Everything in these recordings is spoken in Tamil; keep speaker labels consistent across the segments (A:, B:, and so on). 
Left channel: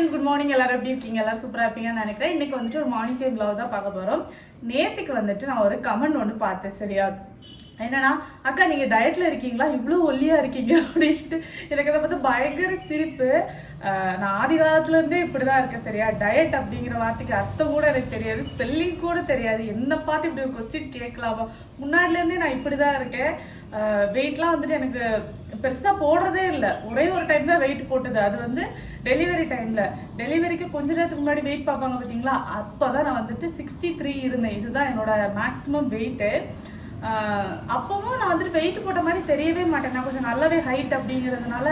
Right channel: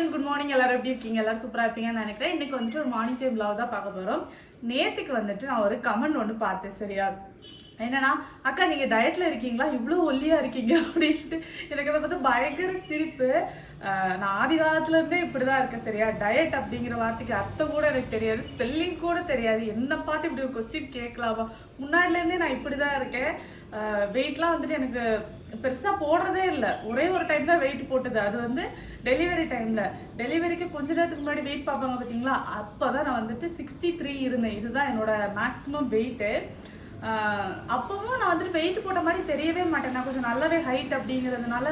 A: அண்ட் குட் மார்னிங் எல்லாரும் எப்படி இருக்கீங்க? எல்லாரும் சூப்பராக இருப்பீங்கன்னு நினைக்கிறேன். இன்னைக்கு வந்துட்டு ஒரு மார்னிங் டைம் vlog தான் பார்க்க போகிறோம் நேற்றுக்கு வந்துட்டு நான் ஒரு கமெண்ட் ஒன்று பார்த்தேன் சரியா? என்னன்னா அக்கா நீங்கள் டயட்டில் இருக்கீங்களா? இவ்வளோ ஒல்லியாக இருக்கீங்க. அப்படின்ட்டு எனக்கு அதை பார்த்து பயங்கர சிரிப்பு. நான் ஆதி காலத்துலேருந்தே இப்படி தான் இருக்கேன் சரியா? டயட் அப்படிங்கிற வார்த்தைக்கு அர்த்தம் கூட எனக்கு தெரியாது. ஸ்பெல்லிங் கூட தெரியாது. என்ன பார்த்து இப்படி ஒரு கொஸ்டின் கேட்கலாமா? முன்னாடிலேருந்தே நான் இப்படி தான் இருக்கேன் வெயிட்லாம் வந்துட்டு எனக்கு பெருசாக போடுறதே இல்லை. ஒரே ஒரு டைம் தான் வெயிட் போட்டது. அது வந்து டெலிவரி டைமில் டெலிவரிக்கு கொஞ்ச நேரத்துக்கு முன்னாடி வெயிட் பார்ப்பாங்க பார்த்தீங்களா அப்போ தான் நான் வந்துட்டு சிக்ஸ்டி த்ரீ இருந்தேன். இதுதான் என்னோட மேக்ஸிமம் வெயிட்டு அப்பவும் நான் வந்துட்டு வெயிட் போட்ட மாதிரி தெரியவே மாட்டேன். நான் கொஞ்சம் நல்லாவே ஹைட் அப்படிங்கிறதுனால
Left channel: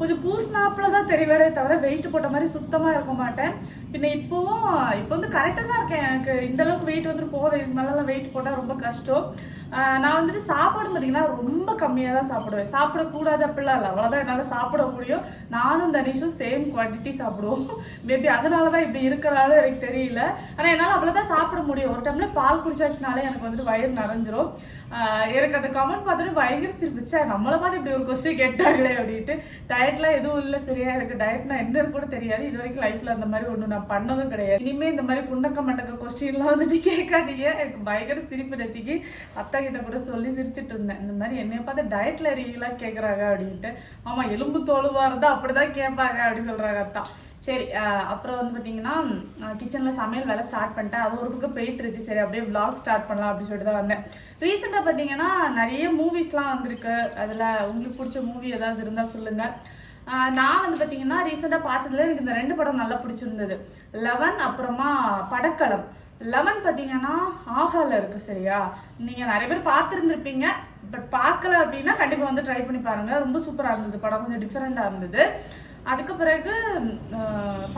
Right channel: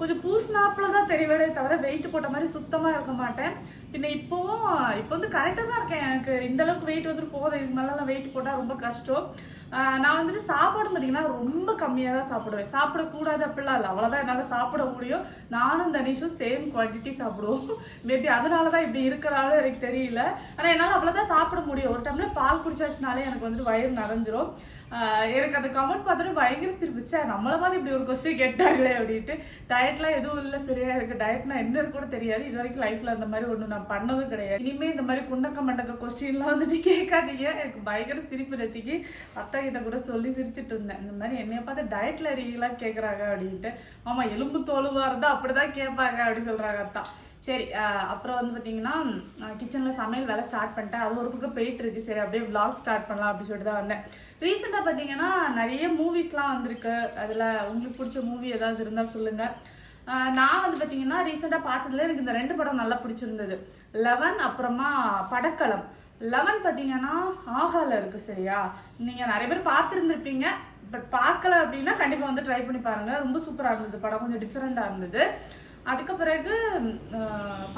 A: கொஞ்சம் பூஸ்னாப்பில் தான் தெரியவே தவிர வெயிட் போட்ட மாதிரி சுத்தமாக இருக்க மாட்டேன். பின்ன இப்போவும் இப்போ வந்து கரெக்டாக தான் இருக்கேன். எனக்கு இந்த அளவுக்கு வெயிட் வந்துட்டு போகுது. இது மேலெலாம் வெயிட் போட்டால் ரொம்ப கஷ்டம். நான் வந்துட்டு சாப்பாடு பார்த்தீங்கன்னா ரொம்ப கம்மியாக தான் சாப்பிடுவேன். சாப்பிடக்கூடாது அப்படிலாம் இல்லை. அவ்வளோதான் என்னால் சாப்பிட முடியும். நானும் தனிஷும் சேம் குவான்டிட்டி சாப்பிடுவோம். மேபி அதனால தான் இப்படி இருக்கிறாலும் எனக்கு தெரியல. ஆனால் என்னால் அவ்வளோதான் சாப்பிட முடியும். ஒரு டைமில் பால் குடிச்சாச்சுனாலே எனக்கு வந்துட்டு வயிறு நிறைஞ்சிரும். எனக்கு அந்த கமெண்ட் பார்த்துட்டு பயங்கர சிரிப்பிச்சா நம்மளை பார்த்து இப்படி ஒரு கொஸ்டின் கேட்டாங்களே அப்படின்ட்டு டயட்லாம் எதுவும் இல்லை சரியா? எனக்கு டயட்னா என்னன்னு கூட தெரியாது. இது வரைக்கும் லைஃப்ல அந்த மாதிரி ஒன்றும் நான் பண்ணதும் கிடையாது. இனிமே இந்த மாதிரி குண்டக்க மண்டக்க கொஸ்டின்லாம் வந்துட்டு கேட்காதீங்க. எனக்கு பயங்கர சிரிப்பு நெத்திக்கு அத்தா கிட்ட கூட சொல்லி சிரிச்சிட்டு இருந்தேன். இந்த மாதிரி என்னைய பார்த்து டயட்ல ரீலாக கேட்குறாங்க அப்படின்ட்டு. ஆமாம் எலும்பு தோலுவாக இருந்தால் அப்படி அப்படிதான் கேட்பாங்க அப்படி சொல்கிறாங்க அத்தா. சரி அப்புறம் வந்து பார்த்தீங்கன்னா கிச்சனில் சமையல் வேலை ஸ்டார்ட் பண்ணிட்டேன். அது ஒரு பக்கம் போயிட்டு இருக்கு. சரி அப்படியே விளாக் ஸ்டார்ட் பண்ணலாம் அப்படின்னு சொல்லிட்டு தான் வந்தேன். ரீசெண்டாக பார்த்தீங்கன்னா நிறைய மூவிஸ்லாம் வந்திருக்கு. அதில் உங்களுக்கு பிடிச்ச மூவி ஏதாவது இருந்தால் சொல்லுங்கள் நான் வந்து பார்த்தீங்கன்னா ரீசெண்டாக பார்த்ததுல எனக்கு இந்த ரெண்டு படம் நல்லா பிடிச்சிருந்தது. லெவன் அப்புறமா படக்களம். லெவன் பார்த்தீங்கன்னா ஆஹால இருக்குது சரியா? நீங்கள் நிறைய பேர் பார்த்துருந்துருப்பீங்க. பட் பார்க்கல அப்படின்னா கண்டிப்பாக வந்து ட்ரை பண்ணி பாருங்கள் ரொம்ப சூப்பராக இருந்தது. படம் கொஞ்சம் டிஃப்ரெண்ட்டாக இருந்தது. அதுக்கு பிறகு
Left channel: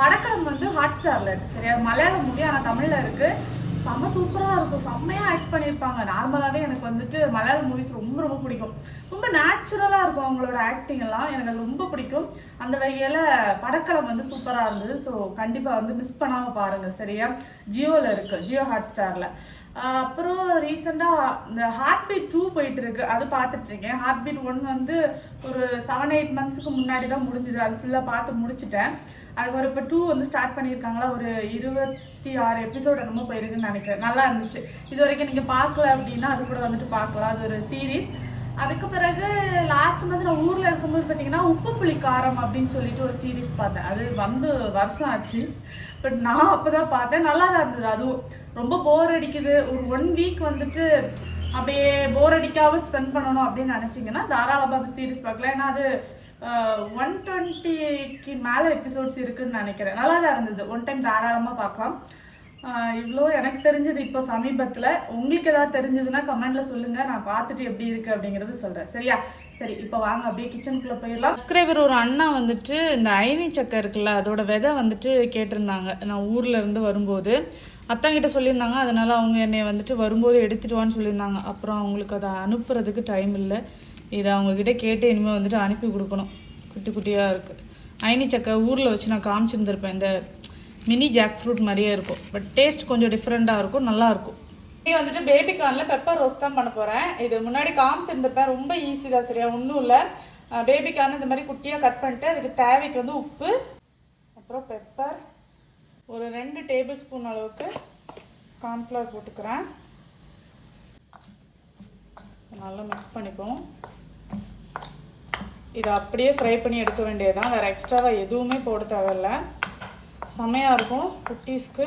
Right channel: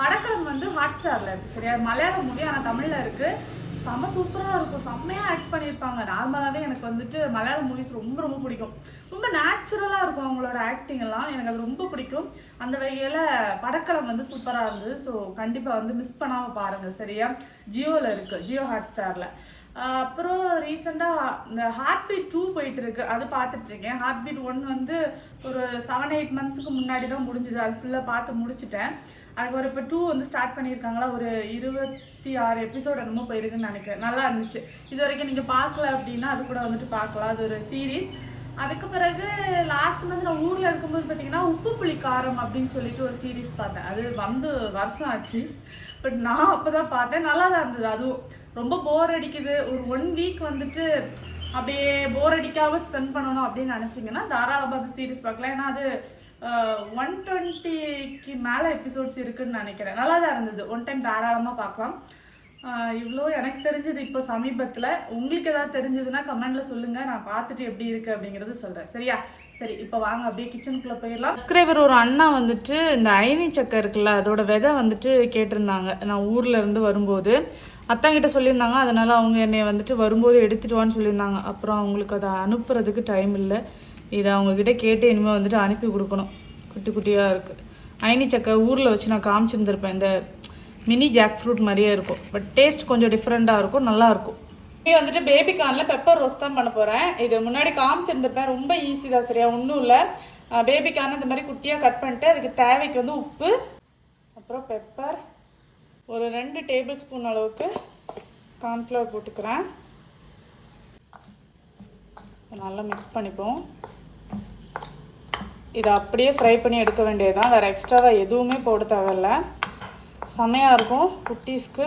A: படக்களம் வந்து ஹாட் ஸ்டாரில் இருக்குது சரியா? மலையாள மூவி ஆனால் தமிழில் இருக்குது செம்ம சூப்பராக இருக்கும். செம்மையாக ஆக்ட் பண்ணியிருப்பாங்க நார்மலாகவே எனக்கு வந்துட்டு மலையாள மூவிஸ் ரொம்ப ரொம்ப பிடிக்கும். ரொம்ப நேச்சுரலாக இருக்கும் அவங்களோட ஆக்டிங் எல்லாம். எனக்கு அது ரொம்ப பிடிக்கும். அந்த வகையில் படக்களம் வந்து சூப்பராக இருந்தது. ஸோ கண்டிப்பாக வந்து மிஸ் பண்ணாமல் பாருங்கள் சரியா? ஜியோவில் இருக்குது ஜியோ ஹாட் ஸ்டாரில் அப்புறம் ரீசெண்டாக இந்த ஹார்ட் பீட் டூ போயிட்டு இருக்கு. அது பார்த்துட்டு இருக்கேன். ஹார்ட் பீட் ஒன் வந்து ஒரு செவன் எயிட் மந்த்ஸுக்கு முன்னாடி தான் முடிஞ்சுது. அது ஃபுல்லாக பார்த்து முடிச்சிட்டேன். அதுக்கப்புறம் இப்போ டூ வந்து ஸ்டார்ட் பண்ணியிருக்காங்களா? ஒரு இருபத்தி ஆறு எபிசோட் என்னமோ போயிருக்குன்னு நினைக்கிறேன். நல்லா இருந்துச்சு. இது வரைக்கும் நீங்கள் பார்க்கல அப்படின்னா அது கூட வந்துட்டு பார்க்கலாம். அது ஒரு சீரீஸ் அதுக்கு பிறகு லாஸ்ட் மந்த் நான் ஊரில் இருக்கும்போது பார்த்தீங்கன்னா உப்பு புளி காரம் அப்படின்னு சொல்லிட்டு ஒரு சீரீஸ் பார்த்தேன். அது வந்து வருஷம் ஆச்சு. பட் நான் அப்போ தான் பார்த்தேன். நல்லா தான் இருந்தது. அதுவும் ரொம்ப போர் அடிக்குது. ஒரு ஒன் வீக் வந்துட்டு அப்படியே போர் அடிக்காமல் ஸ்பெண்ட் பண்ணணும் அப்படின்னு நினச்சிங்கன்னா தாராளமாக அந்த சீரீஸ் பார்க்கலாம். ஏன்னா அது ஒன் டுவெண்ட்டிக்கு மேலே எபிசோட்ஸ் இருக்குன்னு நினைக்கிறேன். நல்லா தான் இருந்தது. ஒன் டைம் தாராளமாக பார்க்கலாம். இவ்வளோ எனக்கு தெரிஞ்சது இப்போ சமீபத்தில். உங்களுக்கு ஏதாவது தெரிஞ்சதுன்னா கமெண்டில் சொல்லுங்கள் நான் பார்த்துட்டு எப்படி இருக்குது அப்படிங்கிறது சொல்கிறேன் சரியா? சரி இப்போ வாங்க. அப்படியே கிச்சனுக்குள்ளே போயிடலாம். சப்ஸ்கிரைபர் ஒரு அண்ணா வந்துட்டு இந்த அயனி சக்கை இருக்குல்ல அதோட விதை வந்துட்டு கேட்டிருந்தாங்க. நான் ஊரில் இருந்து வரும்போது. அத்தாங்கிட்ட சொல்லியிருந்தாங்க. அதனால் அவங்க என்னை வந்துட்டு வரும்போது எடுத்துட்டு வான்னு சொல்லியிருந்தாங்க. அப்புறம் அவங்களுக்கு அதை அனுப்புறதுக்கு டைம் இல்லை. இதை அவங்கக்கிட்ட கேட்டு இனிமேல் வந்துட்டு அனுப்பி கொடுக்கணும். குட்டி குட்டியாக இருக்குது அயனி சக்கை ஊரில் வச்சு நான் காமிச்சிருந்துருப்பேன். இந்த மினி ஜாக் ஃப்ரூட் மாதிரியே இருக்கும். பட் டேஸ்ட் கொஞ்சம் டிஃப்ரெண்ட்டாக இருக்கும். நல்லாயிருக்கும் இப்போ வந்துட்டு பேபி கார்னில் பெப்பர் ரோஸ்ட் தான் பண்ண போகிறேன் இது முன்னாடி காமிச்சிருந்திருப்பேன். ரொம்ப ஈஸி தான் சரியா. ஒன்றும் இல்லை. பேபி கார்ன் இந்த மாதிரி குட்டியாக கட் பண்ணிட்டு அதுக்கு தேவைக்கு வந்து உப்பு அப்புறம் பெப்பர் ஒரு ரெண்டு டேபிள் ஸ்பூன் அளவுக்கு கார்ன்ஃப்ளவர் போட்டுக்கிறேன். நல்லா மிக்ஸ் பண்ணிப்போம். இதை அப்படியே ஃப்ரை பண்ணி எடுக்க வேண்டியதுதான். வேறு எக்ஸ்ட்ராவாக எதுவுமே போட தேவையில்ல. செம்மையாக இருக்கும். குட்டீஸ்க்கு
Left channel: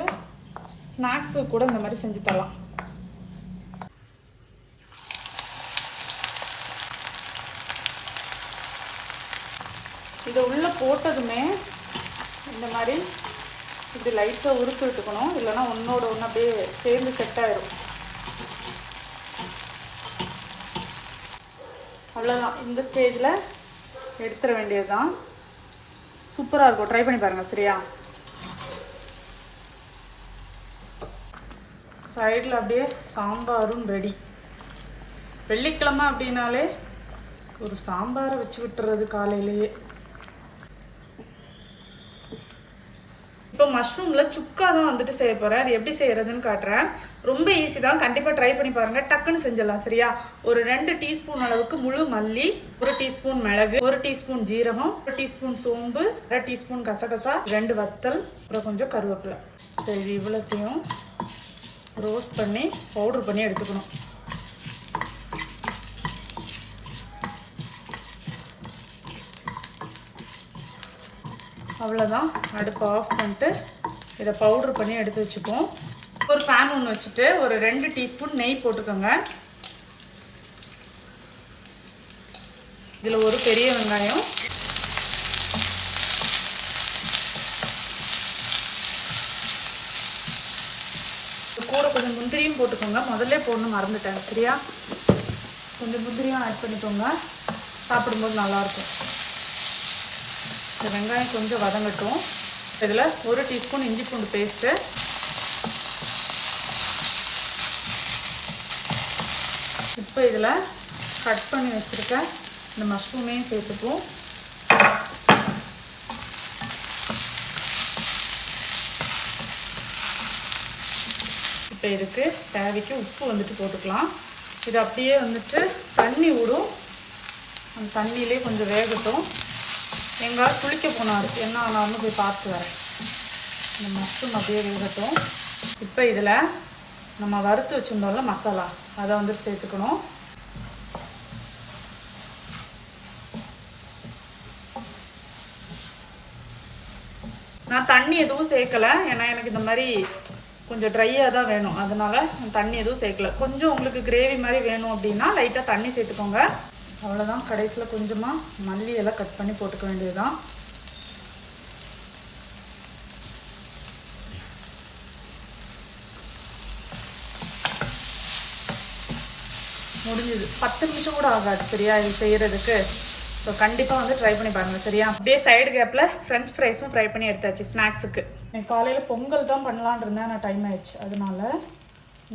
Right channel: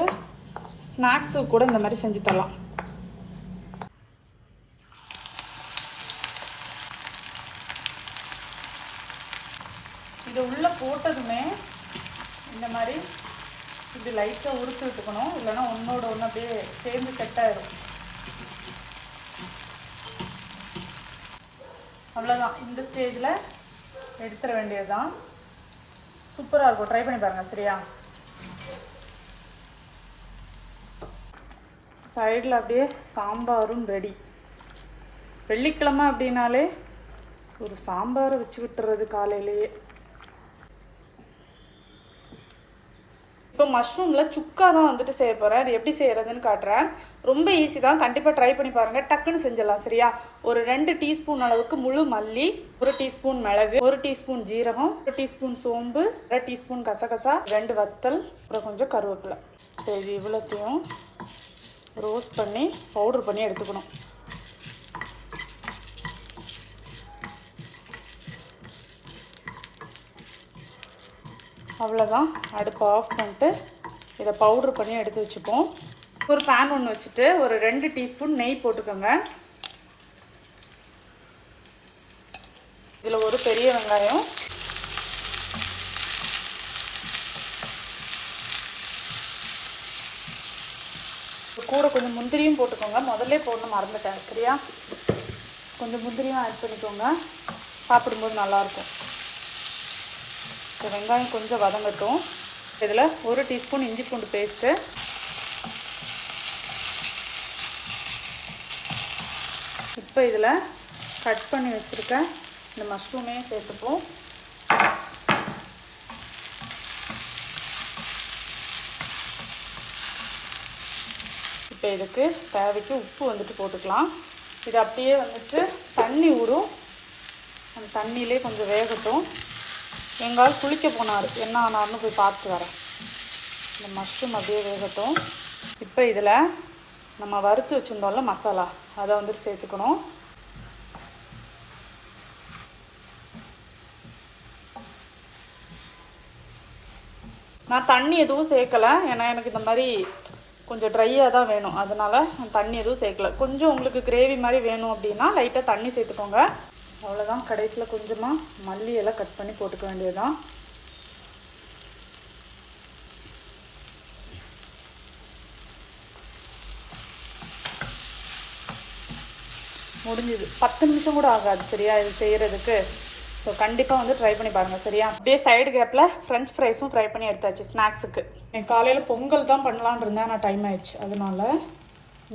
A: ஸ்நாக்ஸு கூட இந்த மாதிரி செஞ்சு தரலாம். இது உள்ளே போட்டதுமே இந்த மாதிரி இது லைட்டாக உரித்து விட்டுக்கணும். இல்லைன்னா ஒன்றோட ஒன்று அப்படியே சேர்ந்து செட் ஆகிடும் அவ்வளோதான் இந்த ஸ்டேஜில் எடுத்துட வேண்டியதுதான். சூப்பராக இருக்கும். ட்ரை பண்ணி பாருங்கள் சரியா? சைடில் அப்படியே சாம்பாரும் ரெடி வெள்ளிக்கிழமை அப்படின்னாலே ஒரு சாம்பாரை வச்சு விட்டுறது காலையிலேயே. மஷ்ரூமில் சுக்கா தான் வந்துட்டு செய்ய போகிறேன் அது எப்படி செய்கிறதுன்னு காட்டுறேன். ரொம்ப ஈஸி தான். கண்டிப்பாக ட்ரை பண்ணி பாருங்கள் டக்குன்னு செஞ்சிடலாம் சரியா? ஒரு ரெண்டு டீஸ்பூன் அளவுக்கு முழு மல்லி ஒரு டீஸ்பூன் மிளகு ஒரு டீஸ்பூன் ஜீரகம் ஒரு டீஸ்பூன் சோம்பு அரை டீஸ்பூன் கசகசா ரெண்டு வத்தல் அப்புறம் கொஞ்சம் கருவேப்பிலை. சரி இவ்வளோத்தையும் ரோஸ்ட் பண்ணி பவுட்ரு பண்ணி எடுத்துக்கணும். அவ்வளோதான் அடுப்பை ஆஃப் பண்ணிட்டு இதை பவுட்ரு பண்ணி எடுத்து வச்சுப்போம். ஒரு பேன் ஒன்று வச்சுட்டு ஒரு ரெண்டு டீஸ்பூன் நெய் போட்டுக்கோங்க. இதில் ஒரு பெரிய வெங்காயம். இது கூட கொஞ்சம் முந்திரியும் போட்டுக்கோங்க. முதல்ல போடணும் மறந்துட்டேன். சரியா? கொஞ்சம் முந்திரியும் ஆட் பண்ணிக்கோங்க. சாப்பிடும்போது நல்லாயிருக்கும் இந்த வெங்காயம் கொஞ்சம் வதங்கட்டும். இதில் ஒரு டீஸ்பூன் இஞ்சி பூண்டு பேஸ்ட்டு. இப்போ இதில் கட் பண்ணி வச்சுருக்க இந்த மஷ்ரூமையும் சேர்த்துப்போம். இப்போ இதுக்கு தேவைக்கு உப்பு வந்துட்டு போட்டுக்கலாம். இது அப்படியே வந்துட்டு தண்ணி ஊடும் அந்த தண்ணியிலே கொஞ்சம் வேகட்டும். எங்காவது குளிக்க போனார் என்ன ஆனாலும் போய் பார்த்துட்டு வரேன். இந்த மஷ்ரூம் அப்படியே வேகட்டும். இப்போ இதில் நம்ம வறுத்து வச்சுருந்தோம்ல மசாலா அதை வந்துட்டு சேர்த்துக்கணும். நான் தண்ணி எதுவும் சேர்க்கலை. ஏன்னா எனக்கு இந்த மாதிரி கொஞ்சம் ட்ரையாக தான் வேணும். அதனால தண்ணி எதுவும் சேர்க்கல. கொஞ்சம் உங்களுக்கு கிரேவி மாதிரி வேணும் அப்படின்னா லைட்டாக தண்ணி சேர்த்துக்கோங்க. அவ்வளோதான் கடைசியில் கொஞ்சமாக மல்லி எல்லாம் கட் பண்ணி போட்டுக்க வேண்டியதுதான். முடிஞ்சுது. பத்து நிமிஷம் கூட ஆகாது சரியா? இது செய்கிறதுக்கு ஸோ கண்டிப்பாக வந்து ட்ரை பண்ணி பாருங்கள் சரியா? அப்படியே சைடு கேப்பில் ஃப்ரெஞ்ச் ஃப்ரைஸும் ஃப்ரை பண்ணி எடுத்தாச்சு ஸ்நாக்ஸுக்கு என் காலையில் பொங்கல் தான் பண்ணலான் இருந்தேன் ஆனால் டைம் ஆயிடுச்சு. அதனால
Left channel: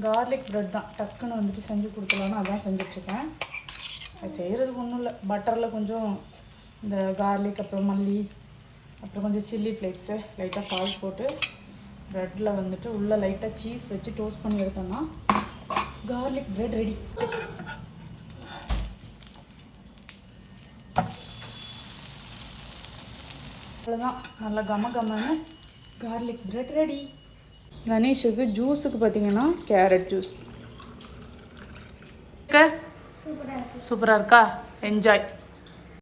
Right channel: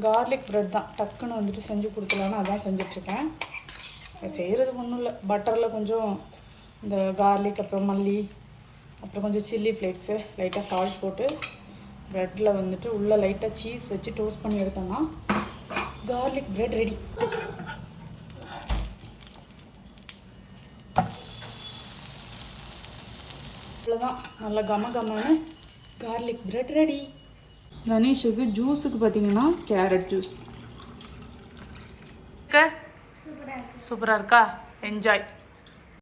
A: கார்லிக் ப்ரெட் தான். டக்குன்னு வந்துட்டு செஞ்சு கொடுக்கலான்னு அதான் செஞ்சுட்ருக்கேன் செய்கிறது ஒன்றும் இல்லை. பட்டரில் கொஞ்சம் இந்த கார்லிக் அப்புறம் மல்லி அப்புறம் கொஞ்சம் சில்லி ஃப்ளேக்ஸு லைட்டாக சால்ட் போட்டு ப்ரெட்டில் வந்துட்டு உள்ளே லைட்டாக சீஸ் வச்சு டோஸ்ட் பண்ணி எடுத்தோம்னா கார்லிக் ப்ரெட் ரெடி அவ்வளோதான் நல்லா கம கமன்னு கார்லிக் ப்ரெட் ரெடி கணேஷுக்கு ஜூஸுக்கு பார்த்தீங்கன்னா கேரட் ஜூஸ் சூப்பராக இருக்கா. என்ஜாய்